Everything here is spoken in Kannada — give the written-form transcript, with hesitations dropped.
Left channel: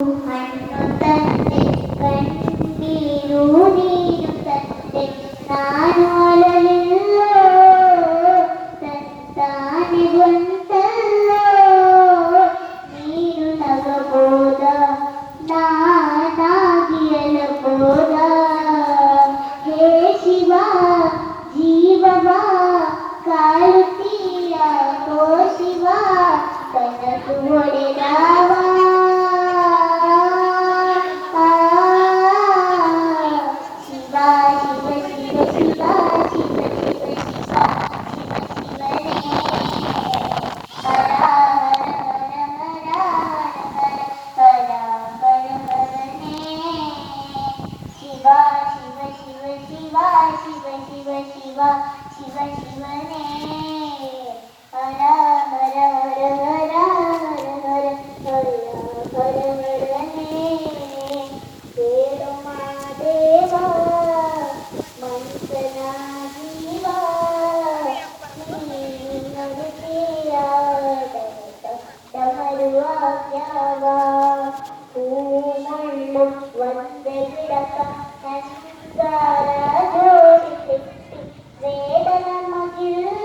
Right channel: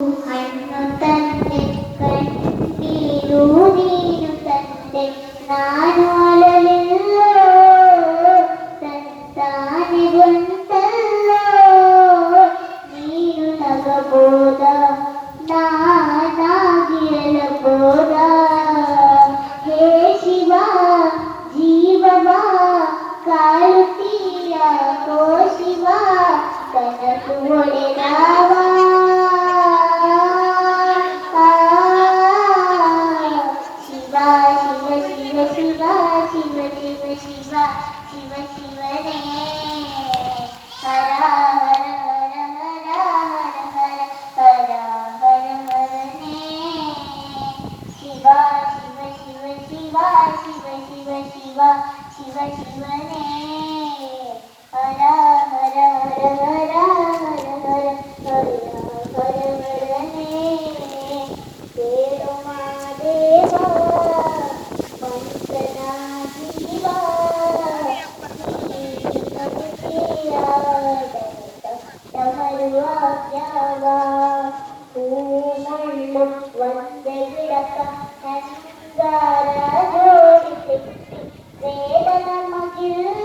മണ്ണു തന്നെ കണ്ണീരു നീരു തന്നെ നാനുലല്ലോ തത്താനി ಬಂತಲ್ಲೋ ನೀನು ನಗಬೋದ ನಾನಾಗಿರಲಬೋದ ಹೇ ಶಿವ ಜೀವವ ಕಾಳುತ್ತೀಯ ಓ ಶಿವ ಕನಸು ಹೊಡೆದವ ಶಿವ ಶಿವ ಶಿವ ಶಿವ ಶಿವ ಶಿವ ಶಿವ ಶಿವ ಶಿವನೇ ಹರ ಹರ ಹರ ಹರ ಹರ ಹರ ಹರ ಹರನೇ ಶಿವ ಶಿವ ಶಿವ ಶಿವ ಶಿವ ಶಿವ ಶಿವ ಶಿವ ಶಿವನೇ ಹರ ಹರ ಹರ ಹರ ಹರ ಹರ ಹರ ಹರನೇ ದೇವ ಮಾದೇವ ಮಂತ್ರನ ಜೀವ ತಮರುವಾಗ್ಯವ ಹೂಮಳ್ಳು ಒಂದೇ ಗಿಡಕ ನಂಗಾರ ಜೋಡಿಸಿ ವೇದನ ಮಗಿಲ್ಲ